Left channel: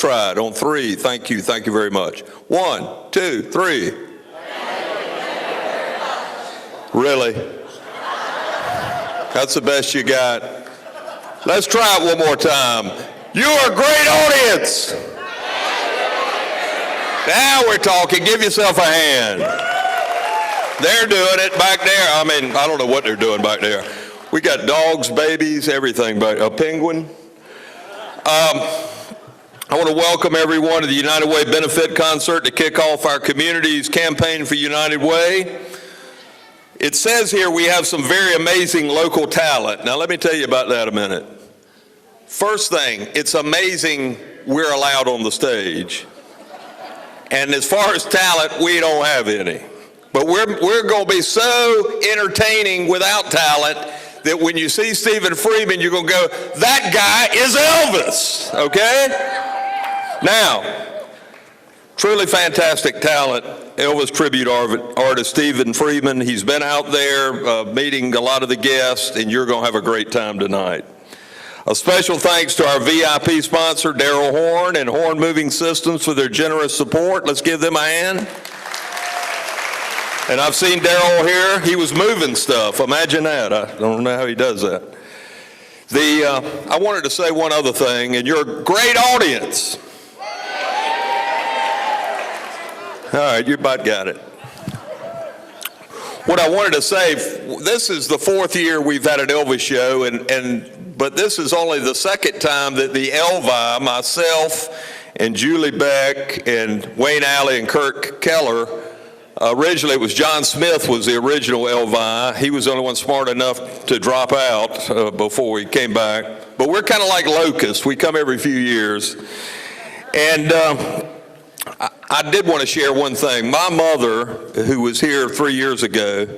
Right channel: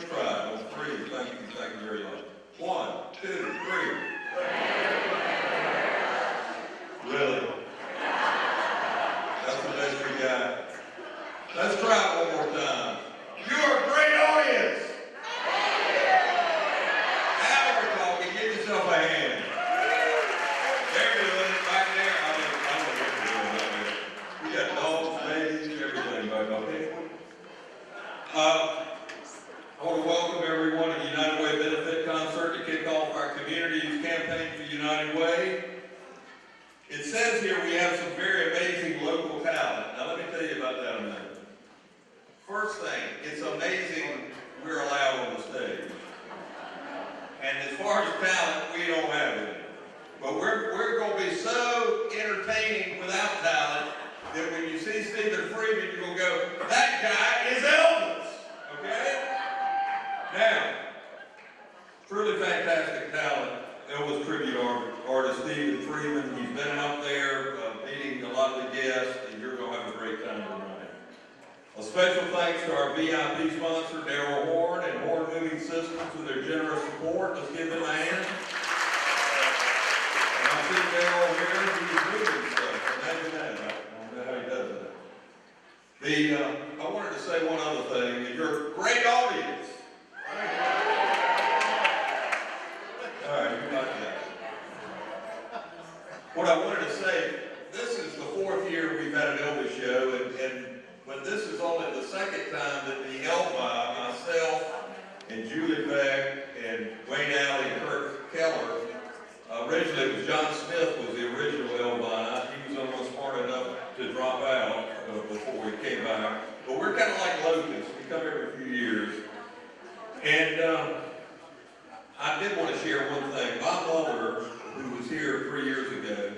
try it on 3. Thank you very much. 1, 2, 3. Really? That's the best you got. Let's try it one more time. You're a great audience. Now we're talking. Give yourself a hand. They're doing it back there. I mean, I don't know what they're doing back there. We got dogs, babies, everything back. A penguin. I want to welcome everyone to the United Way Benefit Concert to kick off our community's campaign for United Way. It says here we have some very amazing local talent. Now let me tell you about that a minute. First thing, it's amazing we're allowed on the stage. And as far as talent, we don't have any. But we're going to be so entertaining without talent that when you see Stephen Freeman, you're going to go, that guy is Elvis, okay? Now, truly fantastic talent. Elvis tribute artist Stephen Freeman. He's been out there meeting a lot of the guests, and you're going to have a great time tonight. A special thanks to our VIP sponsor, Darryl Horn and Horn Moving Systems for their generous support. Let's give them a hand. And I've seen Darryl here. He was moving stuff. Imagine that. I don't know how he does that. I wanted to say one other thing, and you're a great audience. All right, you about got it. What I wanted to say, this is the 4th year we've had an Elvis show, but this is only the 2nd time that the Elvi, myself and Julie Beck and Wayne Alley and Kirk Keller, originally it was John Smith was the original Elvi. He was the only one smart enough to drop out before we came back. But we're kind of like locusts. We come every few years. And I did want to share one thing. My mother, who was here 3 years ago,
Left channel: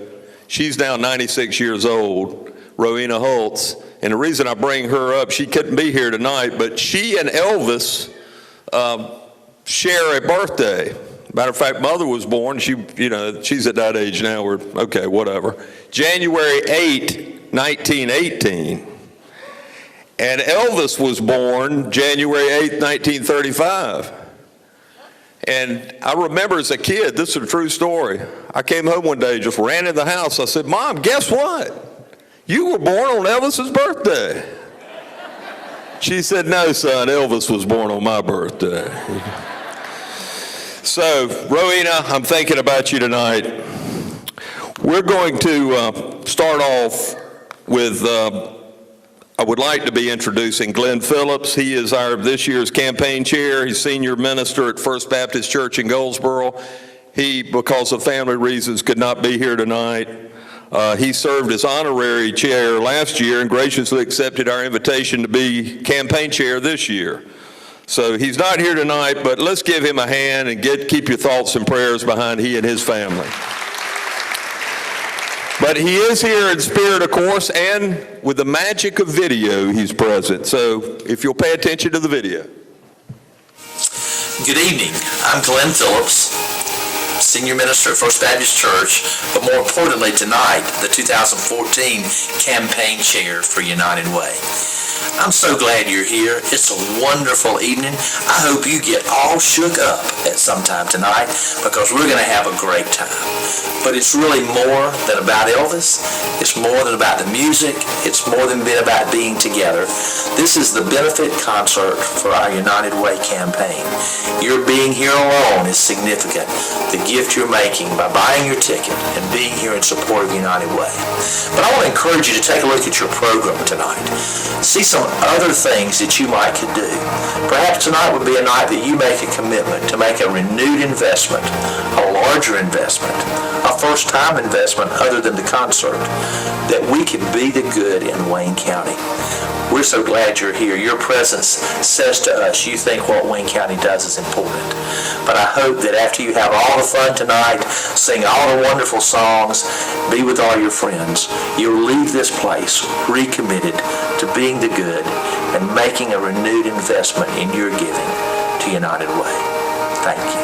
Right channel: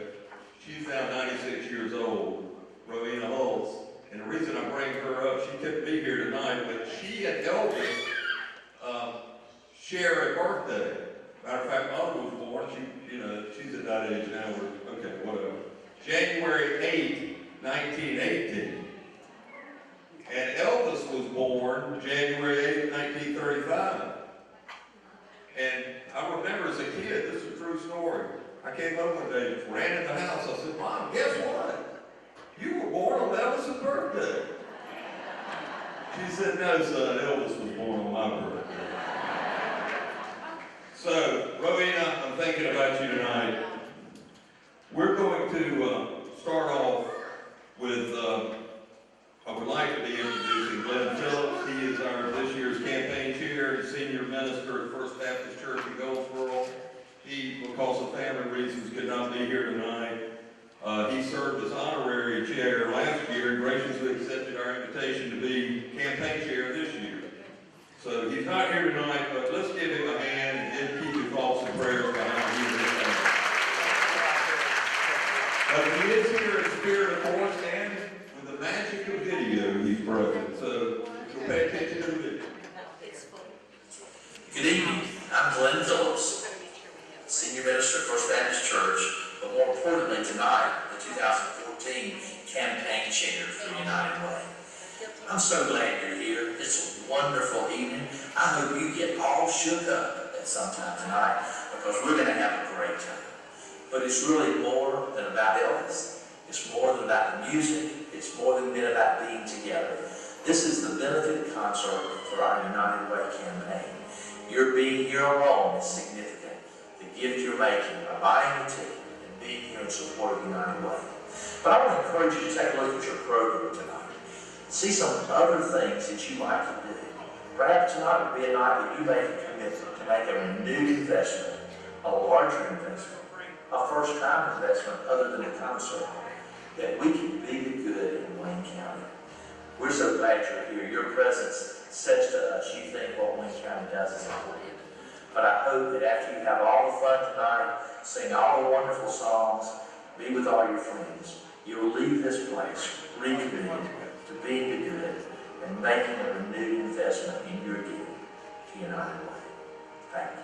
she's now 96 years old, Rowena Holtz. And the reason I bring her up, she couldn't be here tonight, but she and Elvis share a birthday. Matter of fact, Mother was born, she's at that age now, okay, whatever. January 8, 1918. And Elvis was born January 8, 1935. And I remember as a kid, this is a true story. I came home one day, just ran in the house. I said, Mom, guess what? You were born on Elvis's birthday. She said, no, son, Elvis was born on my birthday. So, Rowena, I'm thinking about you tonight. We're going to start off with, I would like to be introducing Glenn Phillips. He is this year's campaign chair. He's senior minister at First Baptist Church in Goldsboro. He, because of family reasons, could not be here tonight. He served as honorary chair last year and graciously accepted our invitation to be campaign chair this year. So he's not here tonight, but let's give him a hand and keep your thoughts and prayers behind he and his family. But he is here in spirit, of course, and with the magic of video, he's present. So if you'll pay attention to the video. Good evening. I'm Glenn Phillips, Senior Minister at First Baptist Church, but more importantly tonight, the 2014 Campaign Chair for United Way. I'm so glad you're here. It's a wonderful evening. I hope you get all shook up at some time tonight because we're going to have a great time. But it's really more than about Elvis. It's more than about the music. It's more than about being together. This is the benefit concert for our United Way campaign. Your being here alone is significant. The gift you're making by buying your ticket and being here in support of United Way. But I want to encourage you to take a look at your program tonight. See some other things that you might could do. Perhaps tonight would be a night that you make a commitment to make a renewed investment, a larger investment, a first-time investment other than the concert, that we can be the good in Wayne County. We're so glad you're here. Your presence says to us you think what Wayne County does is important. But I hope that after you have all the fun tonight, sing all the wonderful songs, be with all your friends, you'll leave this place recommitted to being the good and making a renewed investment in your giving to United Way. Thank you.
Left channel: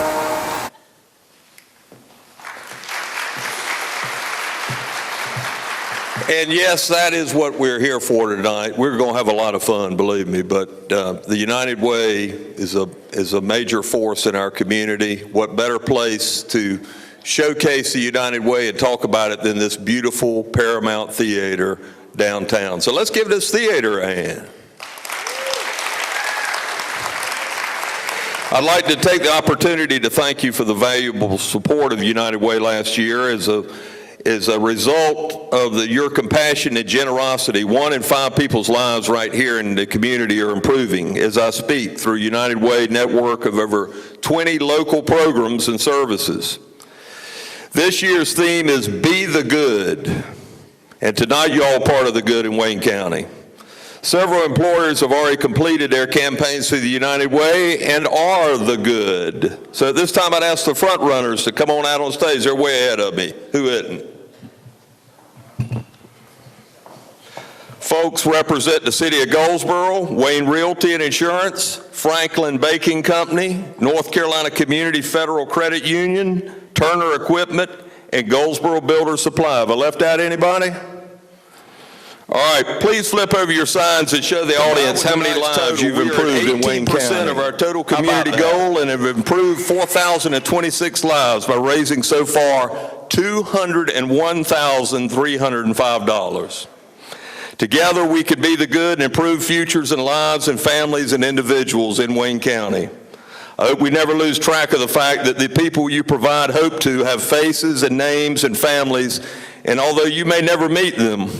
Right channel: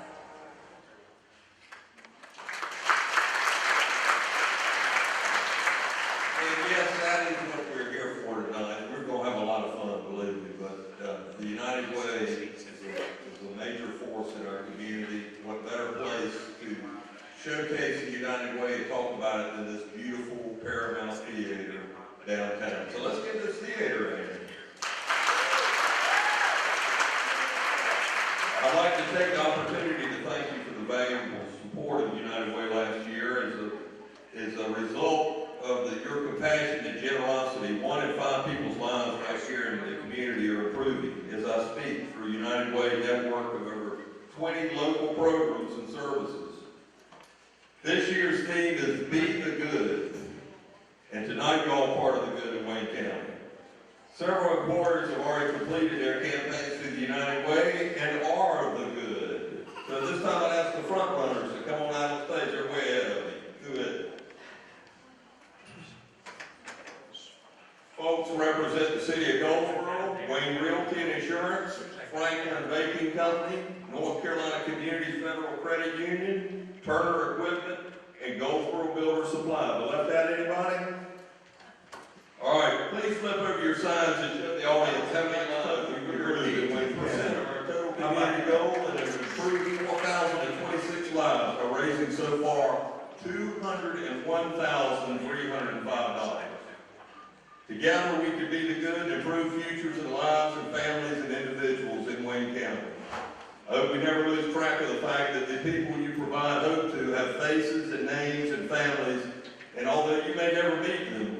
And yes, that is what we're here for tonight. We're going to have a lot of fun, believe me, but the United Way is a major force in our community. What better place to showcase the United Way and talk about it than this beautiful Paramount Theatre downtown. So let's give this theater a hand. I'd like to take the opportunity to thank you for the valuable support of the United Way last year. As a result of your compassion and generosity, 1 in 5 people's lives right here in the community are improving as I speak through United Way network of over 20 local programs and services. This year's theme is Be the Good, and tonight you're all part of the good in Wayne County. Several employers have already completed their campaigns through the United Way and are the good. So at this time, I'd ask the front runners to come on out on stage. They're way ahead of me. Who isn't? Folks represent the City of Goldsboro, Wayne Realty and Insurance, Franklin Baking Company, North Carolina Community Federal Credit Union, Turner Equipment, and Goldsboro Builder Supply. Have I left out anybody? All right, please flip over your signs and show the audience how many lives you've improved in Wayne County. 18% of our total community goal and have improved 4,026 lives by raising so far $201,305. Together, we could be the good and improve futures and lives and families and individuals in Wayne County. I hope we never lose track of the fact that the people you provide hope to have faces and names and families, and although you may never meet them,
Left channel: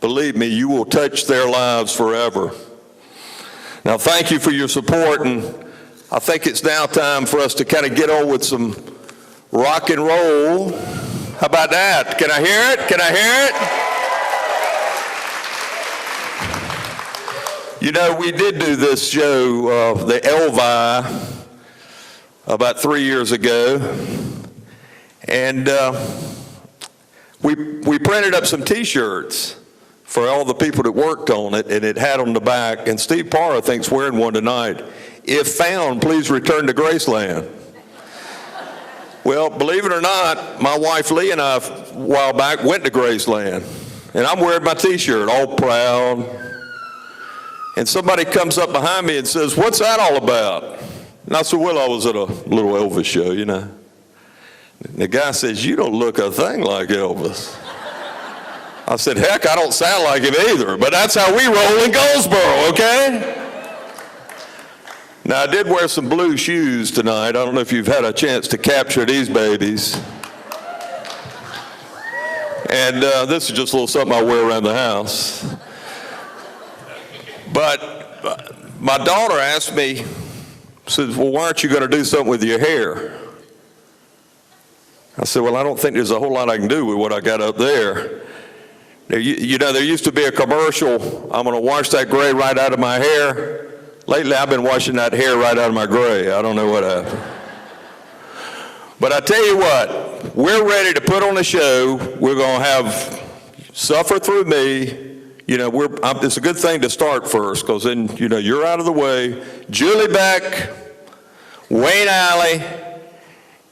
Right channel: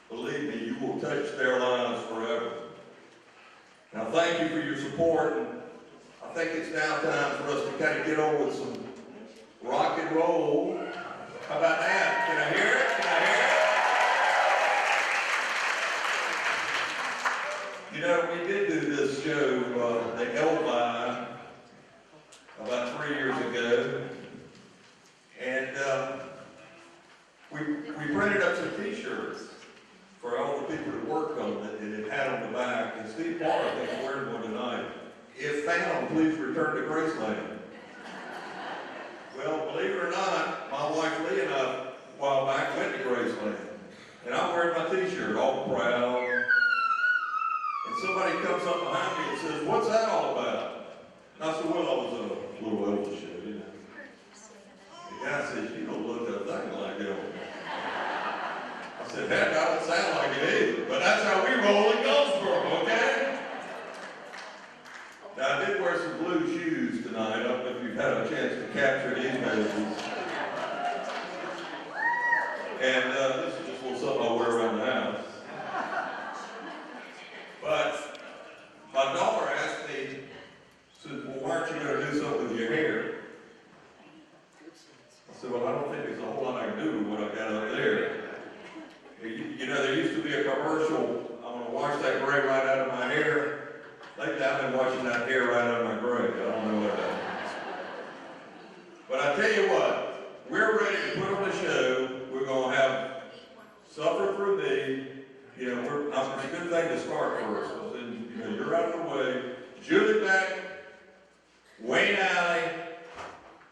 believe me, you will touch their lives forever. Now, thank you for your support, and I think it's now time for us to kind of get on with some rock and roll. How about that? Can I hear it? Can I hear it? You know, we did do this show, the Elvi, about 3 years ago, and we printed up some T-shirts for all the people that worked on it, and it had on the back, and Steve Parr, I think, is wearing one tonight. If found, please return to Graceland. Well, believe it or not, my wife Lee and I, a while back, went to Graceland, and I'm wearing my T-shirt, all proud, and somebody comes up behind me and says, "What's that all about?" And I said, "Well, I was at a little Elvis show, you know." And the guy says, "You don't look a thing like Elvis." I said, "Heck, I don't sound like him either, but that's how we roll in Goldsboro, okay?" Now, I did wear some blue shoes tonight. I don't know if you've had a chance to capture these babies. And this is just a little something I wear around the house. But my daughter asked me, says, "Well, why aren't you going to do something with your hair?" I said, "Well, I don't think there's a whole lot I can do with what I got up there." You know, there used to be a commercial, "I'm going to wash that gray right out of my hair." Lately, I've been washing that hair right out of my gray. I don't know what happened. But I tell you what, we're ready to put on a show. We're going to have Suffer Through Me. You know, it's a good thing to start first, because then, you know, you're out of the way. Julie Beck, Wayne Alley,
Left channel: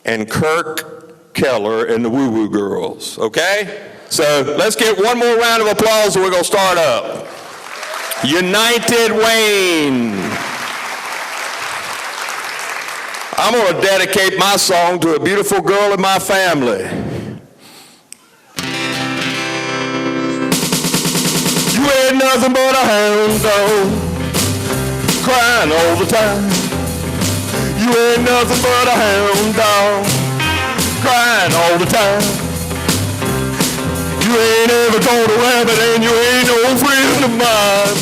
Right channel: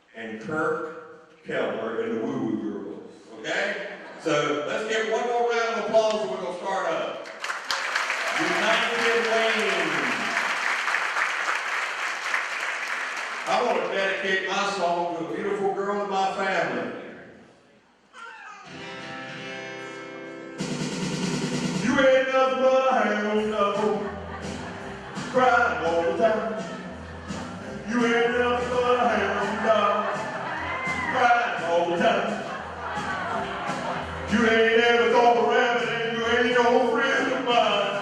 and Kirk Keller and the Woo Woo Girls, okay? So let's get one more round of applause and we're going to start up. United Wayne. I'm going to dedicate my song to a beautiful girl in my family. You ain't nothing but a hound dog, crying all the time. You ain't nothing but a hound dog, crying all the time. You ain't ever caught a rabbit and you ain't no friend of mine.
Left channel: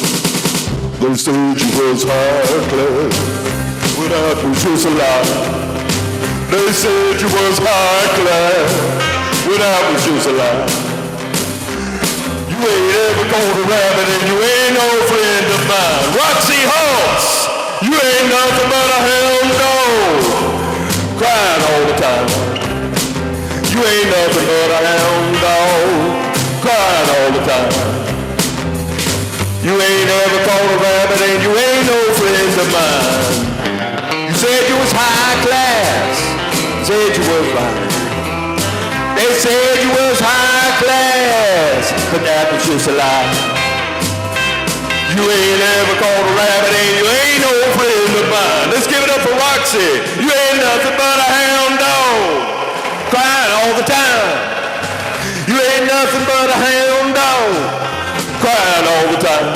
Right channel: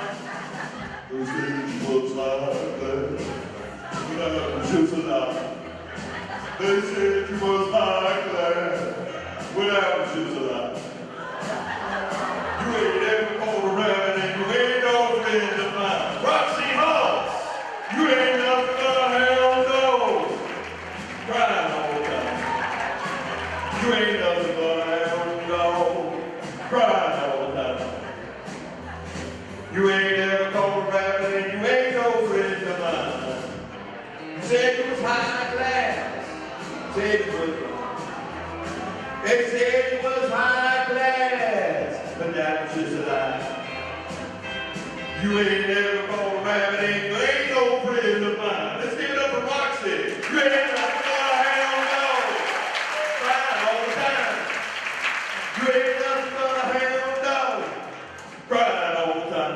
They said you was high class, but that was just a lie. They said you was high class, but that was just a lie. You ain't ever caught a rabbit and you ain't no friend of mine. Roxy Hawks, you ain't nothing but a hound dog, crying all the time. You ain't nothing but a hound dog, crying all the time. You ain't ever caught a rabbit and you ain't no friend of mine. You said you was high class, said you was lying. They said you was high class, but it's a lie. You ain't ever caught a rabbit and you ain't no friend of mine. Let's give it up for Roxy. You ain't nothing but a hound dog, crying all the time. You ain't nothing but a hound dog, crying all the time.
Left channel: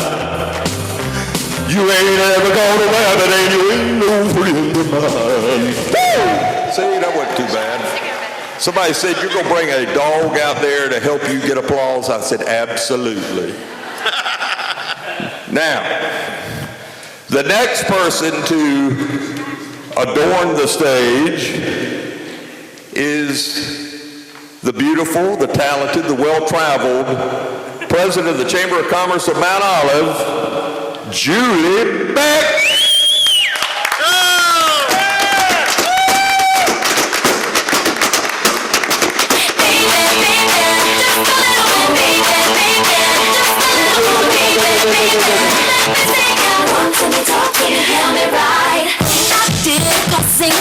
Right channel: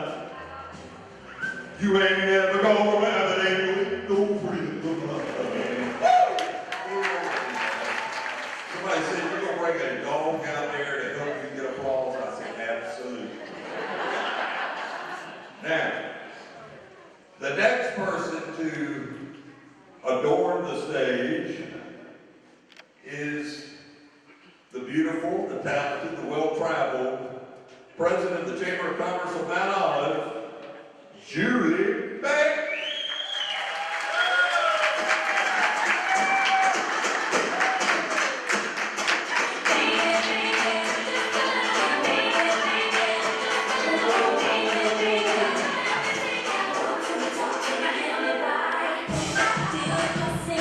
You ain't ever caught a rabbit and you ain't no friend of mine. Woo! See, that wasn't too bad. Somebody said, you're going to bring a dog out there to help you get applause? I said, absolutely. Now, the next person to adorn the stage is the beautiful, the talented, the well-traveled president of the Chamber of Commerce of Mount Olive, Julie Beck.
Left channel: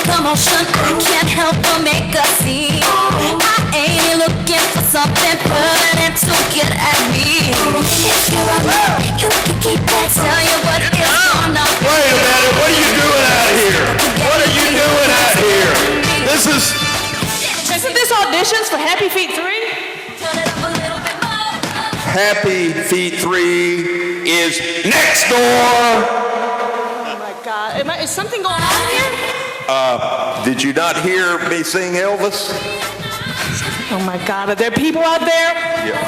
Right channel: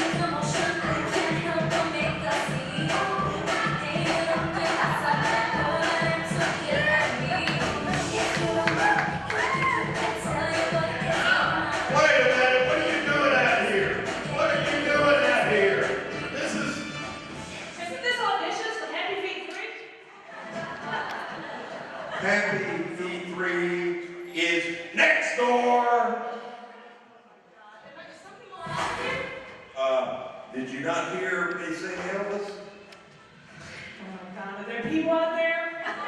Commotion, I can't help but make a scene. I ain't looking for something permanent to get at me. If you're a girl, you can keep that. Tell you what it's gonna be. Wait a minute, what are you doing out here? What are you doing out here? This is... Isn't this auditions for Happy Feet 3? Happy Feet 3 is next door. Oh my God, is something going on here? Did you not hear me sing Elvis? Oh my God, are there people out there? Yeah.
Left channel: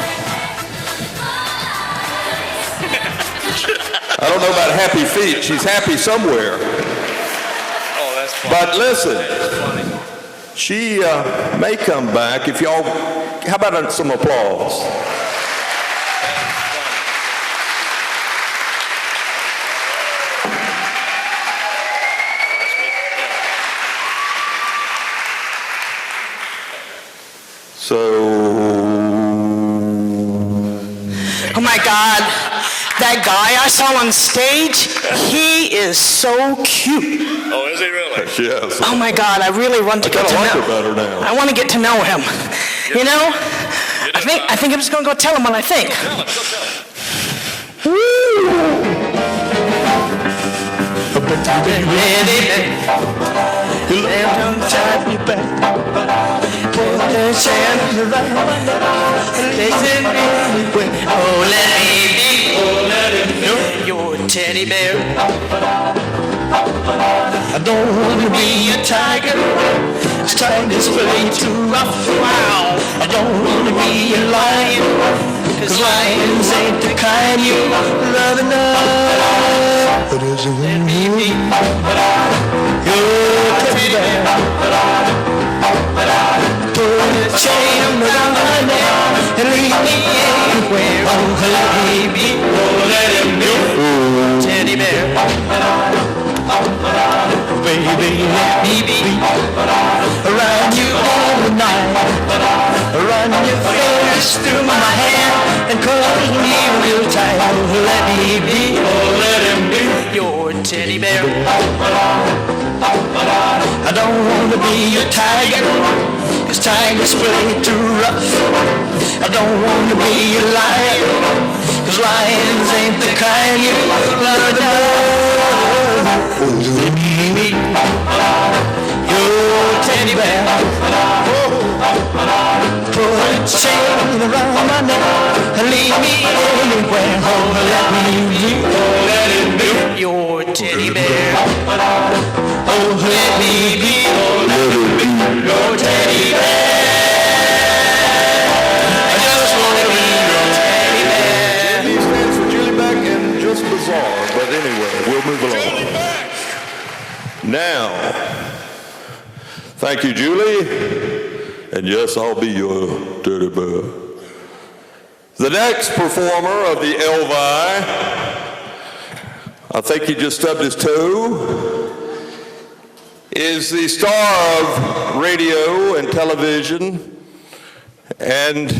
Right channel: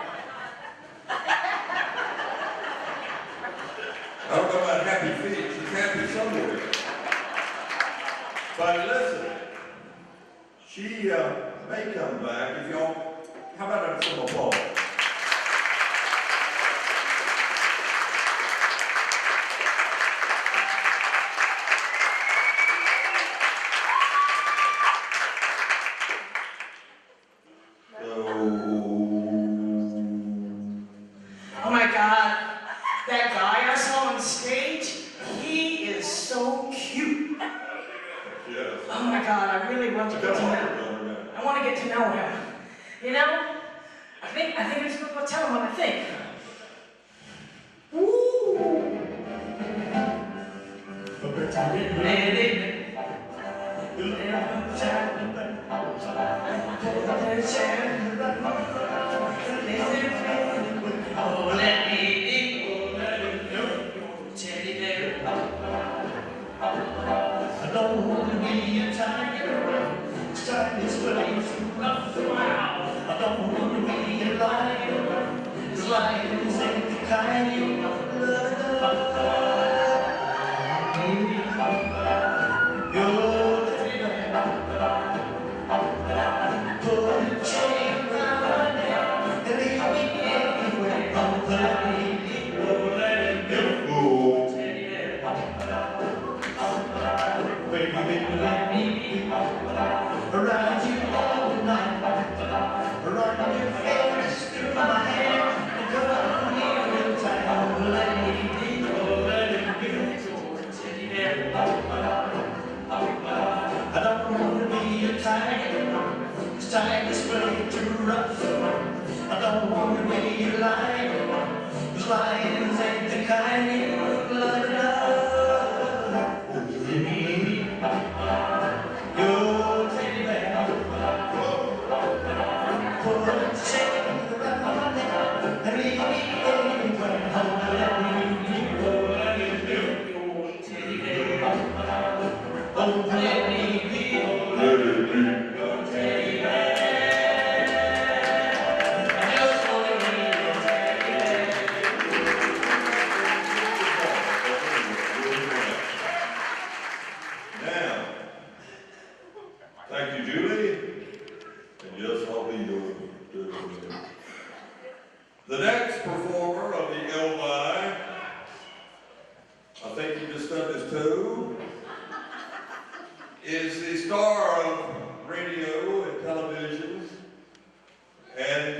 I don't know about Happy Feet. She's happy somewhere. Oh, that's funny. But listen, she may come back if y'all, how about some applause? So, Oh my God, that guy I saw on stage, he is so cute. Oh, is he really? yes. Oh my God, I really want to I get kind to of like know. her better now. I want to get to know him. You know, I think I'm just gonna go tell him what I think. Tell him, go tell him. Your teddy bear. I don't want to be a tiger. It's time to play too rough. Wow. I don't want to be a lion. Cause lions ain't the kind you love enough. But is it me? Your teddy bear. Put a chain around my neck and leave me anywhere. Oh, baby, oh, let him go. Teddy bear. Baby, let me be around you all the night. Run your fingers through my hair and cuddle me real tight. Oh, let me be, oh, let him be your teddy bear. I don't want to be a tiger, 'cause tigers play too rough. I don't want to be a lion, 'cause lions ain't the kind you love enough. Let me be your teddy bear. Put a chain around my neck and leave me anywhere. Oh, let me be, oh, let it be your teddy bear. Oh, let me be, oh, let it be your teddy bear. I just want to be your teddy bear. These names for Julie Beck and just bizarre, but anyway, we'll move along. Now, thank you, Julie. And yes, I'll be your teddy bear. The next performer of the Elvi, I think he just stubbed his toe, is the star of radio and television and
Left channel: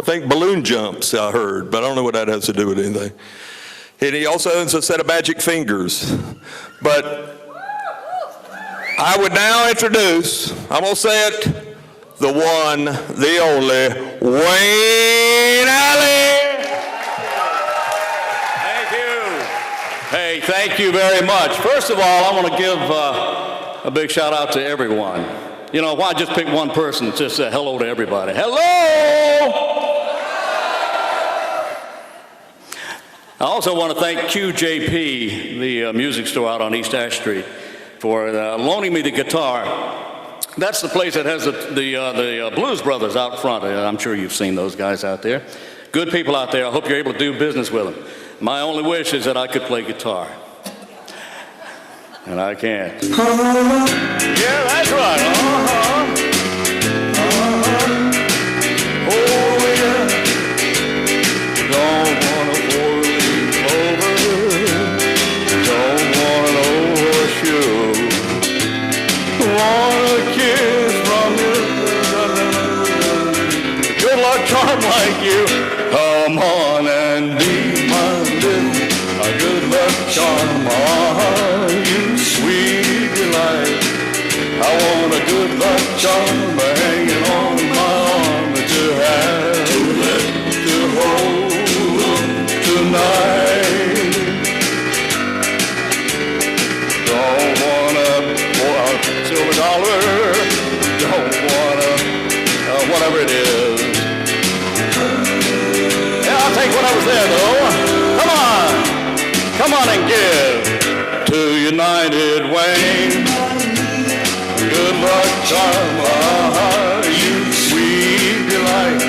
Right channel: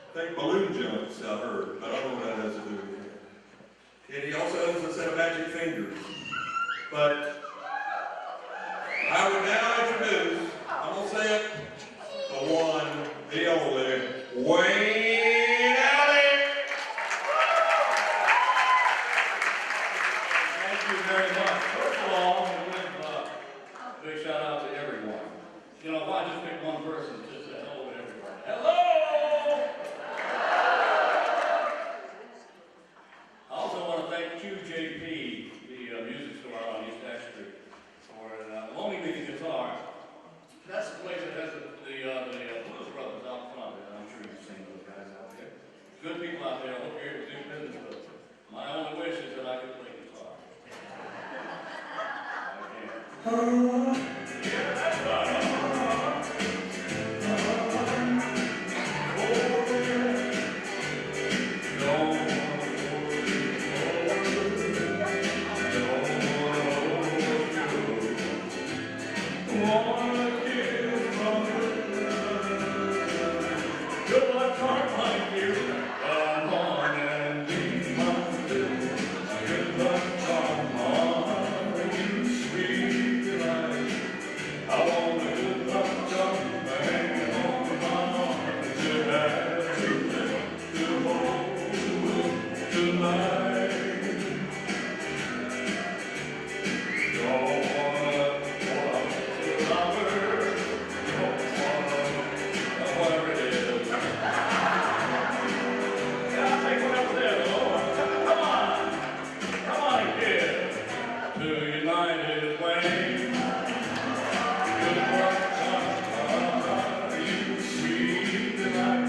I think balloon jumps, I heard, but I don't know what that has to do with anything. And he also owns a set of magic fingers. But I would now introduce, I'm going to say it, the one, the only, Wayne Alley. Thank you very much. First of all, I want to give a big shout out to everyone. You know, why just pick one person? Just say hello to everybody. Hello! I also want to thank QJP, the music store out on East Ash Street, for loaning me the guitar. That's the place that has the Blues Brothers out front. I'm sure you've seen those guys out there. Good people out there. I hope you're able to do business with them. My only wish is that I could play guitar. And I can't. Yeah, that's right. Oh, yeah. Don't want a four-leaf clover. Don't want an horseshoe. Want a kiss from you. Good luck charm like you. Come on and be my little good luck charm. I want a good luck charm hanging on my arm to have, to hold tonight. Don't want a silver dollar, don't want whatever it is. Yeah, I'll take whatever's there though. Come on and give to United Wayne. Good luck charm, you sweet delight.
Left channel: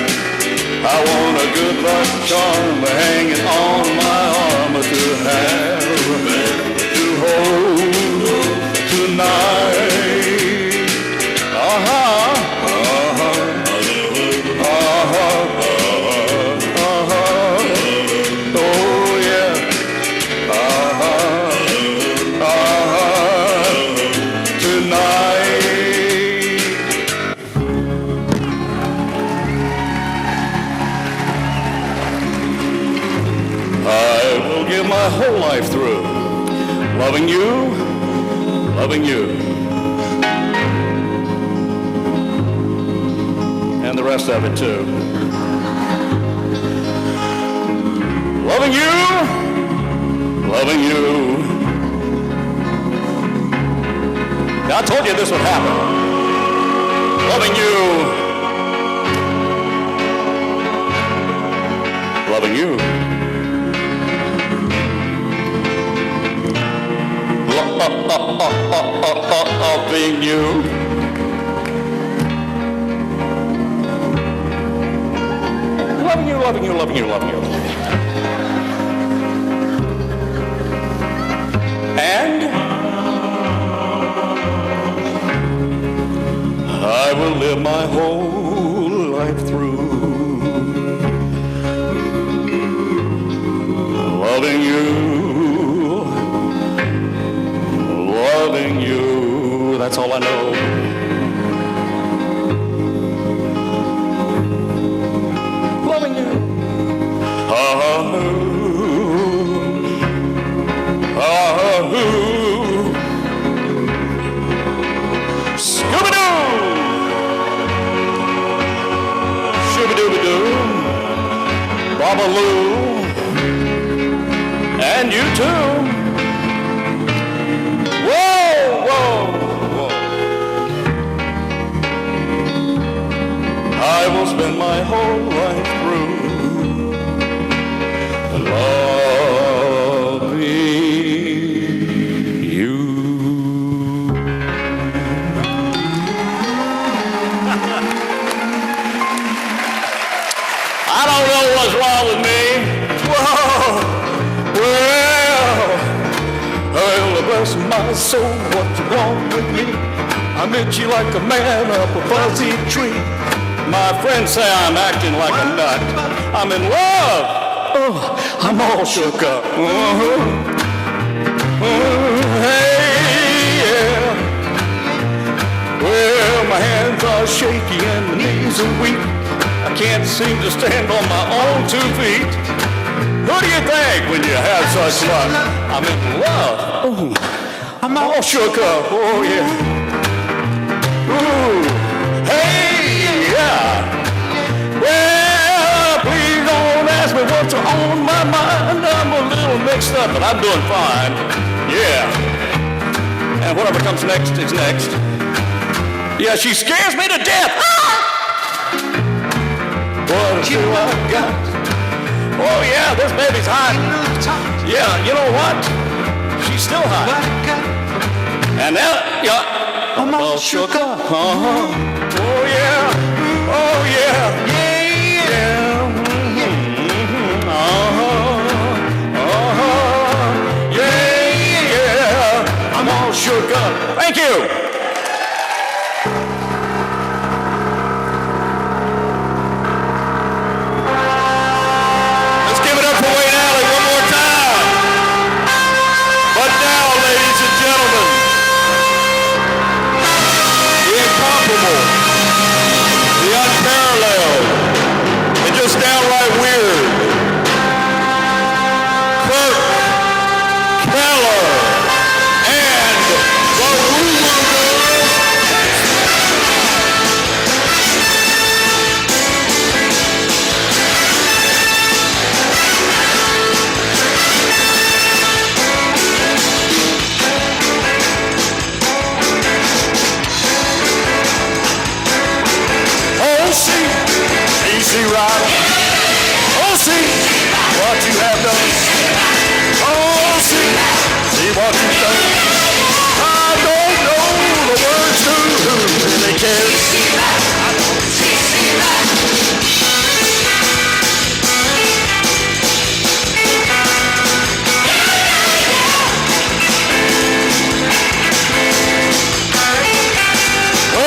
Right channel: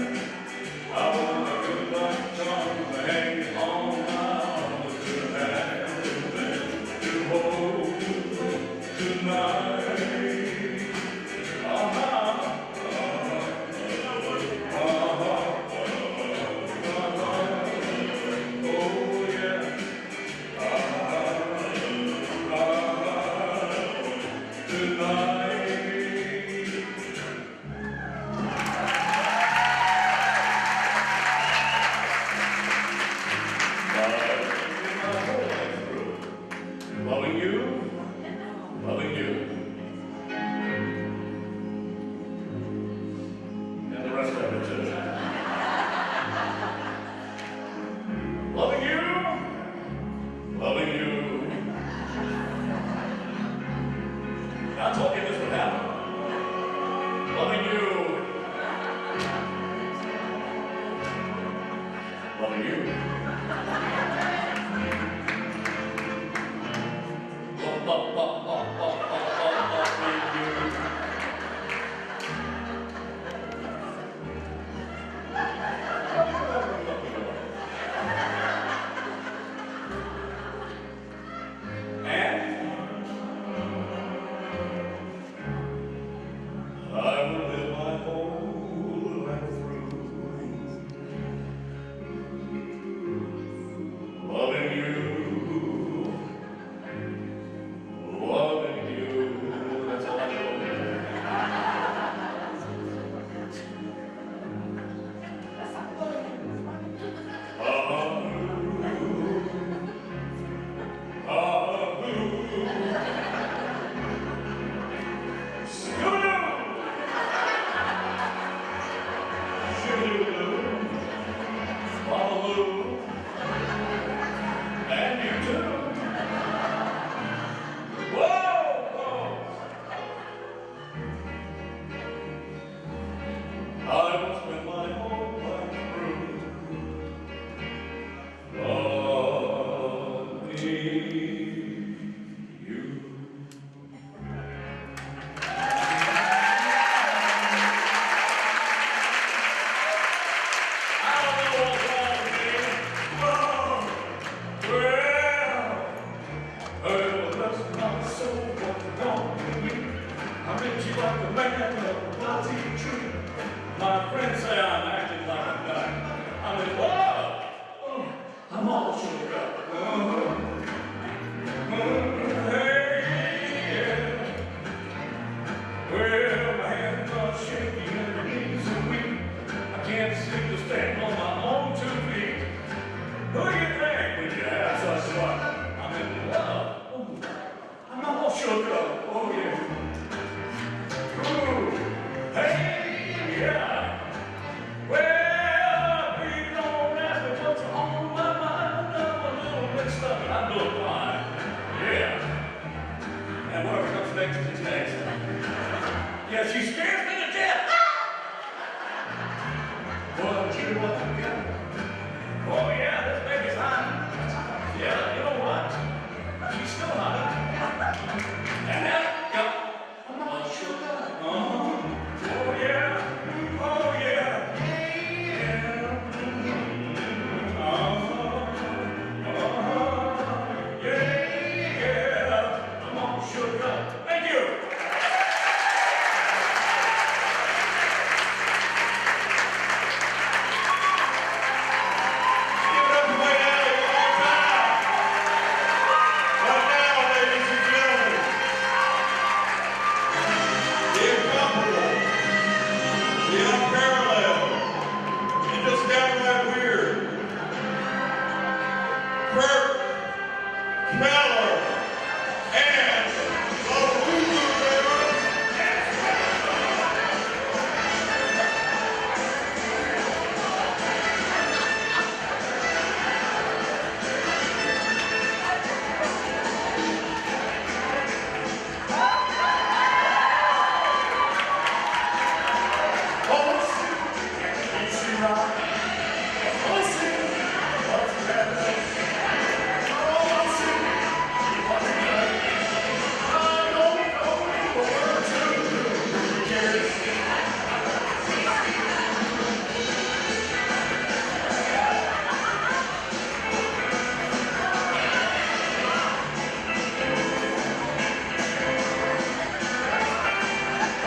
I want a good luck charm hanging on my arm to have, to hold tonight. Oh yeah. My whole life through, loving you, and the rest of it too. Loving you. Now, I told you this would happen. Loving you. Loving you. Loving you. And I will live my whole life through loving you. That's all I know. Loving you. Scooby-Doo. Shooby-Dooby-Doo. Babaloo. And you too. I will spend my whole life through loving you. I don't know what's wrong with me. Well, bless my soul, what's wrong with me? I'm itchy like a man up a fuzzy tree. My friends say I'm acting like a nut. I'm in love. Oh, I'm all shook up. Hey, yeah. Well, my hands are shaky and my knees are weak. I can't seem to stand on my own 2 feet. Who do you think when you have such luck? I'm in love. Oh, I'm all shook up. Oh, yeah. Ooh. Hey, yeah. Well, please don't ask me what's on my mind. I'm a little mixed up, but I'm doing fine. Yeah. And whatever comes next is next. Yeah, she scares me to death. What do I got? Oh, yeah, this baby's hot. Yeah, you know what? She's still hot. And now, yeah. I'm all shook up. Oh, yeah. Oh, yeah. Yeah. Yeah. I'm all shook up. Thank you. Let's give it up for Wayne Alley one more time. But now, ladies and gentlemen, the incomparable, the unparalleled, and just downright weird, Kurt Keller and the Woo Woo Girls. Oh, see, easy ride. Oh, see what you have done. Oh, see what you've done. I don't know the words to who really cares. Oh,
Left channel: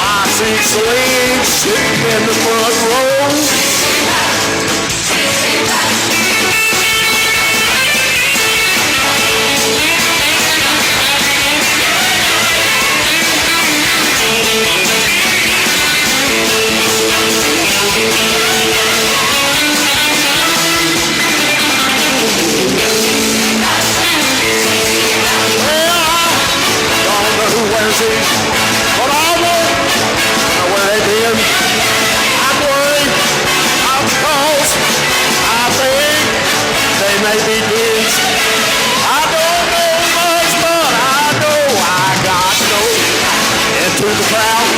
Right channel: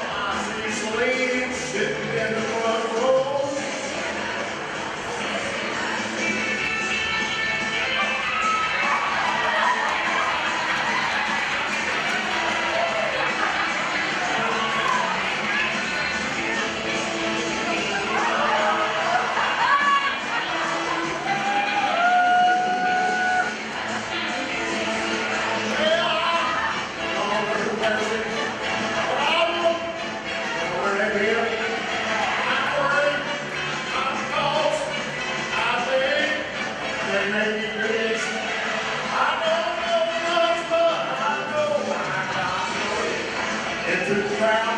I see slaves sitting in the front row. Don't know who wears these, but I won't know where they've been. I'm worried because I think they may be kids. I don't know much, but I know I got to know into the crowd.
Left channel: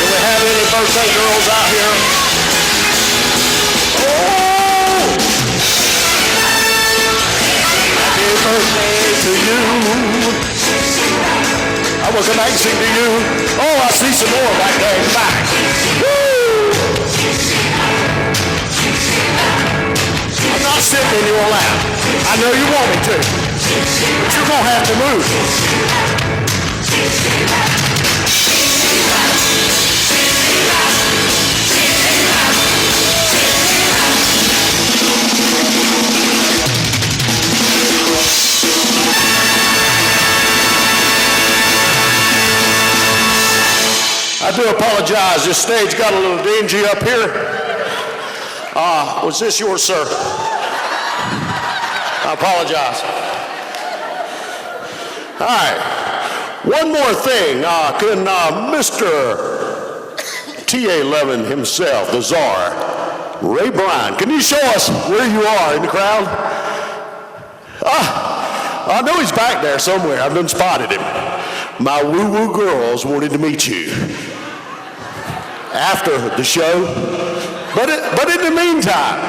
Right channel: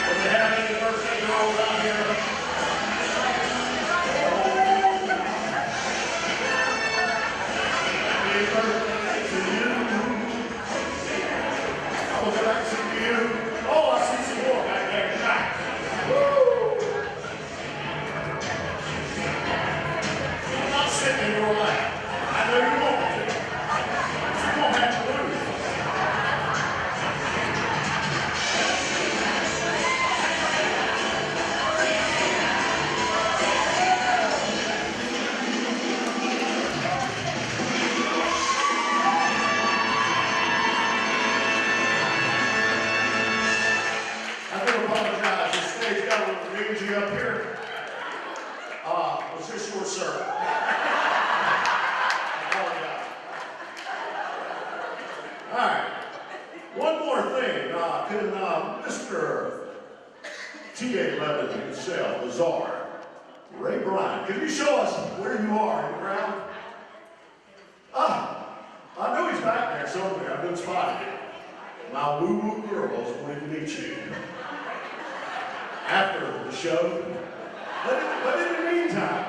Do we have any birthday girls out here? Oh! Happy birthday to you. I wasn't asking to you. Oh, I see some more right there in the back. Woo! I'm not sitting in your lap. I know you want me to. But you're going to have to move. I do apologize. This stage got a little dingy up here. Was this yours, sir? I apologize. All right. One more thing. Can Mr. TA11 himself, the czar, Ray Bryan, can you show us where you are in the crowd? I know he's back there somewhere. I've done spotted him. My woo-woo girls wanted to meet you after the show. But in the meantime,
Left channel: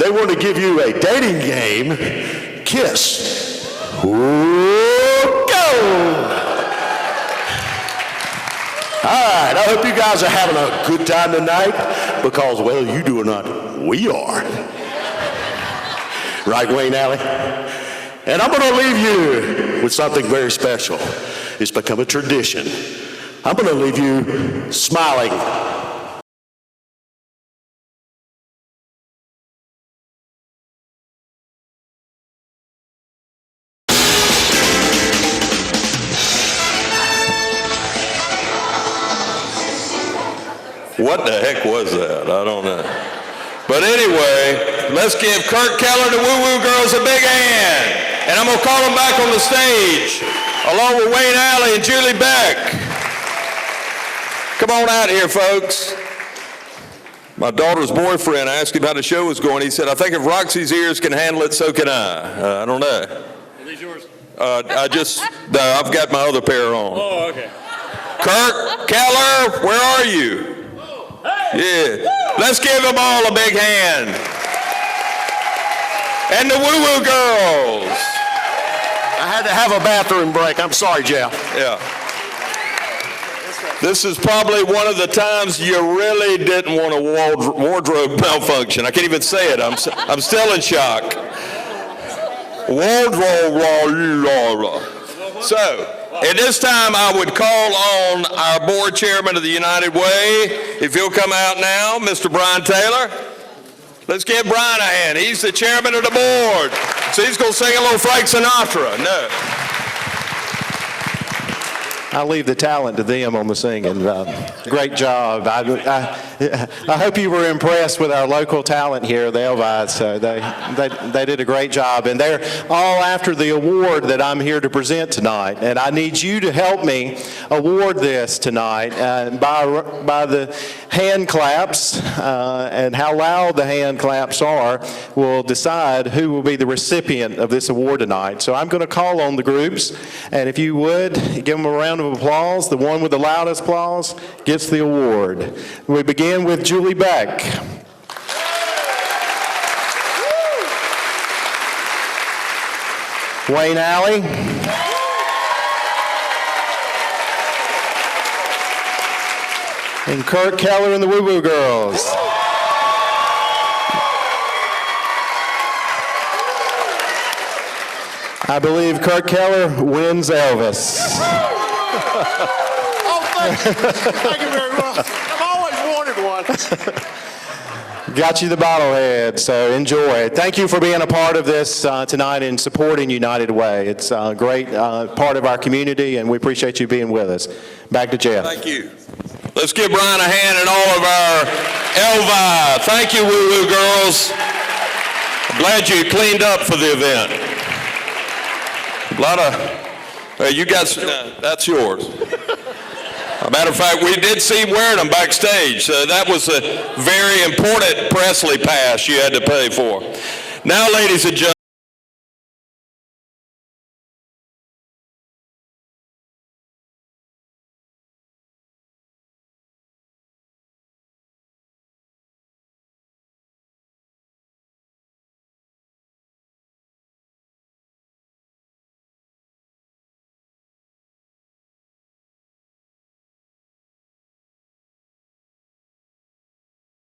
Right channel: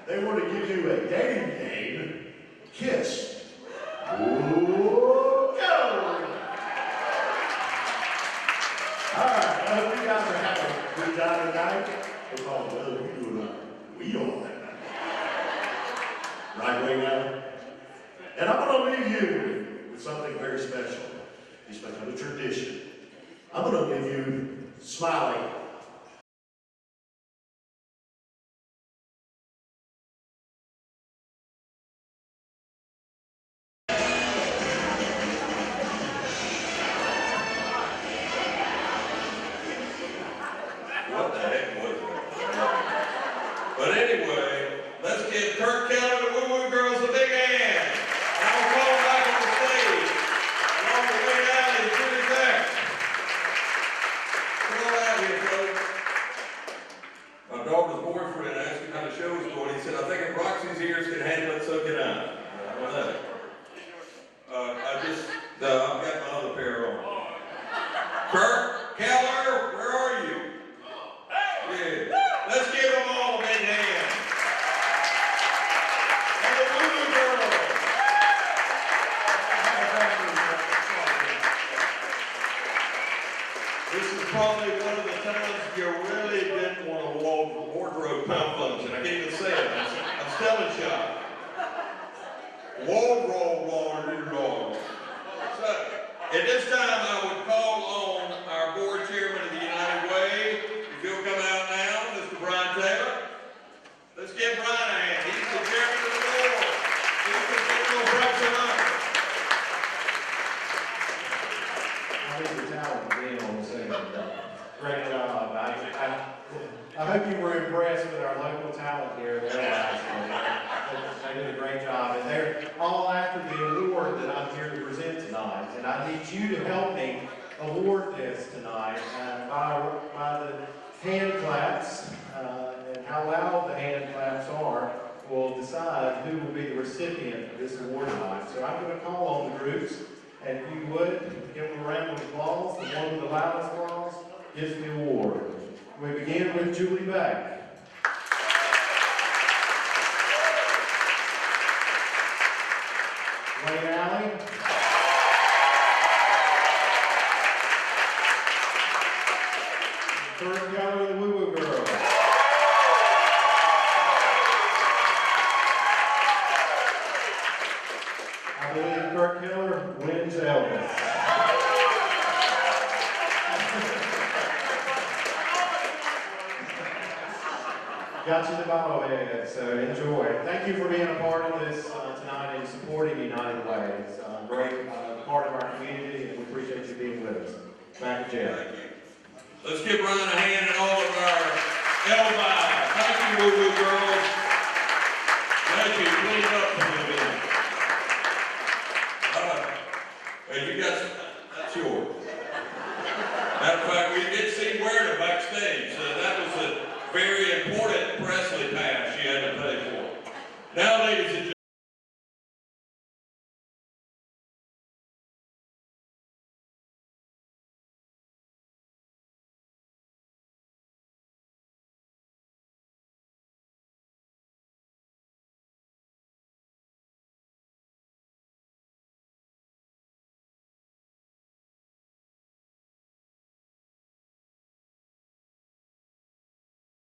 they want to give you a dating game, Kiss. Ooh, go! All right, I hope you guys are having a good time tonight because, well, you do or not, we are. Right, Wayne Alley? And I'm going to leave you with something very special. It's become a tradition. I'm going to leave you smiling. What the heck was that? I don't know. But anyway, let's give Kurt Keller and the Woo Woo Girls a big hand. And I'm going to call them back on the stage, along with Wayne Alley and Julie Beck. Come on out here, folks. My daughter's boyfriend asked him how the show was going. He said, I think if Roxy's ears can handle it, so can I. I don't know. Are these yours? I've got my other pair on. Oh, okay. Kirk, Keller, where are you? Yeah. Let's give them all a big hand. And the Woo Woo Girls. I had to have a bathroom break. I'm sorry, Jeff. Yeah. This is probably one of the times you really didn't want a wardrobe malfunction. I can't even say it. I'm still in shock. So, at this time, I would call on our board chairman of the United Way. If you'll come out now, Mr. Brian Taylor. Let's give Brian a hand. He's the chairman of the board. So he's going to sing a little Frank Sinatra. No. I'll leave the talent to them on the singing. Great job. I hope you were impressed with our local talent here, the Elvis. So they did a great job. And they're all after the award that I'm here to present tonight. And I need you to help me award this tonight by the hand claps. And how loud the hand claps are will decide who will be the recipient of this award tonight. So I'm going to call on the groups. And if you would, give them a round of applause. The one with the loudest applause gets the award. We begin with Julie Beck. Wayne Alley. And Kurt Keller and the Woo Woo Girls. I believe Kurt Keller wins Elvis. Thank you very much. I've always wanted one. Got you the bobblehead, so enjoy. Thank you for being a part of this tonight and supporting United Way. It's a great part of our community, and we appreciate you being with us. Back to Jeff. Thank you. Let's give Brian a hand and all of our Elvi. Thank you, Woo Woo Girls. I'm glad you cleaned up for the event. A lot of, you guys, that's yours. As a matter of fact, we did see him wearing them backstage. So that was a very important Presley pass you had to pay for. Now, ladies and gentlemen,